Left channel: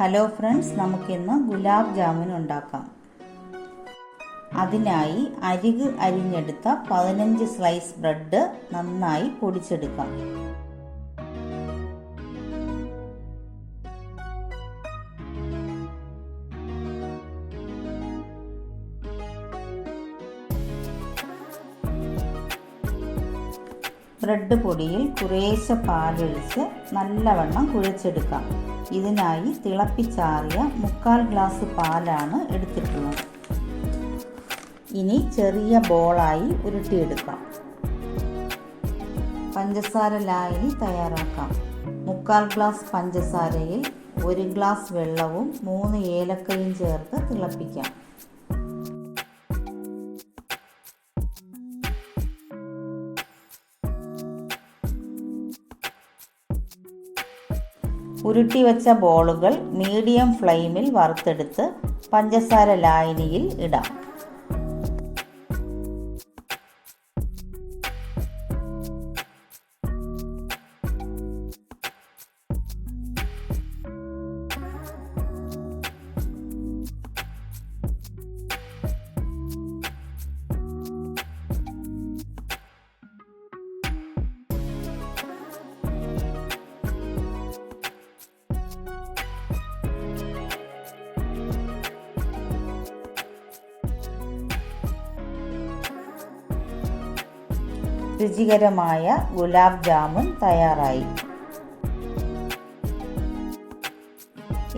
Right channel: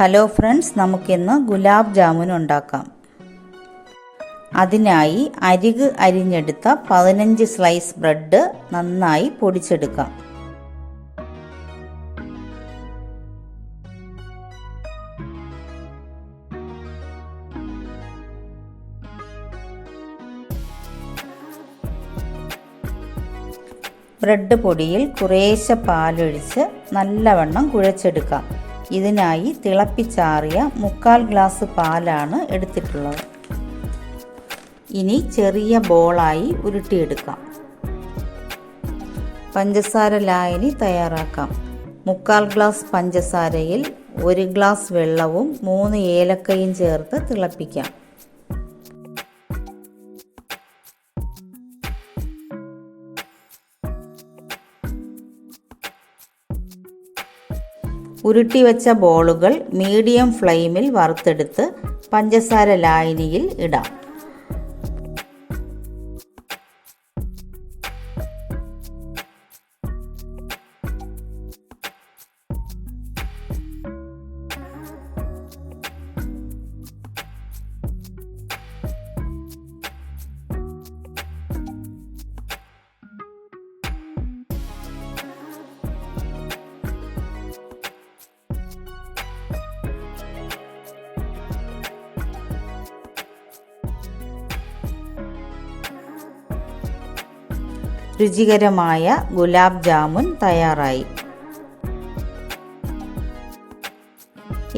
Hello friends, നമുക്കിന്ന് ഗുലാബ് ജാമുൻ ഉണ്ടാക്കാം. അതിനായി അരിക് അരിഞ്ഞെടുത്ത 15 സ്ലൈസ് ബ്രെഡ് നന്നായി പൊടിച്ചെടുക്കാം. ബ്രെഡ് പൊടിയിൽ കുറേശ്ശെ പാലൊഴിച്ച് നല്ലവണ്ണം കുഴച്ചെടുക്കാം. ഇതിനായി തിളപ്പിച്ചാറിയ 1/4 ഗ്ലാസ് പാലാണ് എടുത്തിട്ടുള്ളത്. ഇനി ചെറിയ ബോളായി ഉരുട്ടിയെടുക്കാം. പഞ്ചസാര ലായനി തയ്യാറാക്കാം. 1/4 ഗ്ലാസ് പഞ്ചസാരയിൽ 1 ഗ്ലാസ് വെള്ളവും 3 ഏലക്കയും ചേർത്ത് തിളപ്പിക്കാം. ഉരുട്ടി വെച്ച ബോളുകൾ മീഡിയം ഫ്ലെയിമിൽ വറുത്തെടുത്ത് പഞ്ചസാര ലായനിയിൽ ഇടാം. രുചികരമായ ഗുലാബ് ജാമുൻ തയ്യാറായി.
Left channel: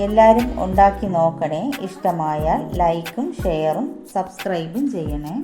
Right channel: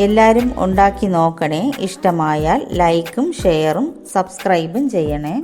എല്ലാവരും ഉണ്ടാക്കി നോക്കണേ. ഇഷ്ടമായാൽ ലൈക്കും ഷെയറും സബ്സ്ക്രൈബും ചെയ്യണേ.